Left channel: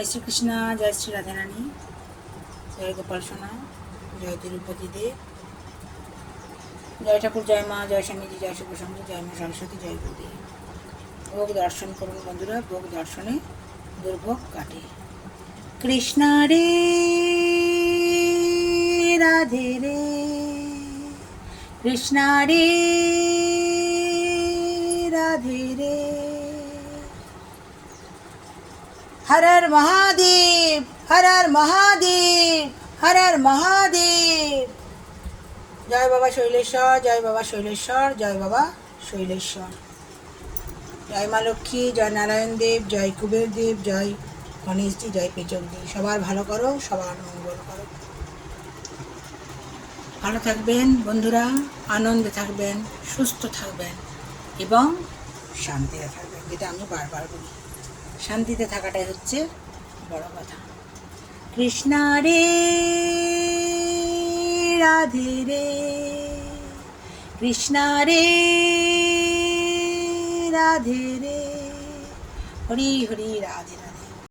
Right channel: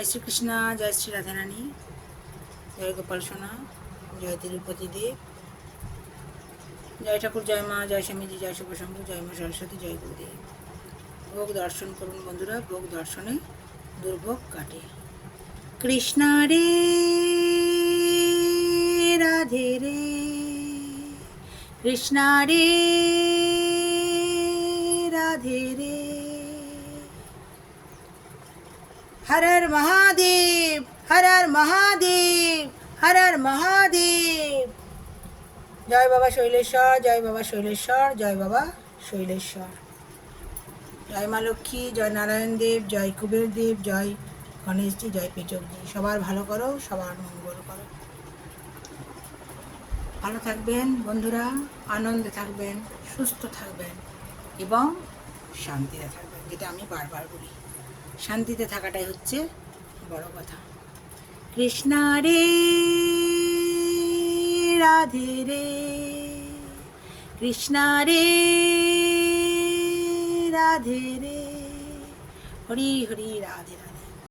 জয় শ্রীকৃষ্ণ, জয় শ্রী রাধারানী, জয় গোপাল সোনা, জয় তিরুপতি দেব, জয় ঠাকুর, জয় মা, জয় স্বামীজি, জয় শুভসঙ্গ, জয় মা সরস্বতী, জয় গুরুদেব। ভোগ দর্শন করুন বন্ধুরা, ভোগ দর্শনে দুর্ভোগ কাটে। কৃষ্ণ রে রাধে রে, কৃষ্ণ রে রাধে রে, হর হর মহাদেব, হর হর মহাদেব, হর হর মহাদেব। জয় বাবা শৈলেশ্বর, জয় বাবা শৈলেশ্বর, জয় বাবা শৈলেশ্বর। জয় মা লক্ষ্মী, জয় নারায়ণ দেব, জয় কুবের দেব, জয় গণেশজি, জয় পেচকজি। সবার ভালো করো, সবার মঙ্গল করো। ভালো থাকবেন বন্ধুরা, আনন্দে থাকবেন, সুস্থ থাকবেন এবং শান্তিতে থাকবেন, যেটা আমি বারবার বলি। শান্তিতে থাকাটাই হচ্ছে বড় কথা। কৃষ্ণ রে রাধে রে, কৃষ্ণ রে রাধে রে, হরি হরি রাধে রাধে।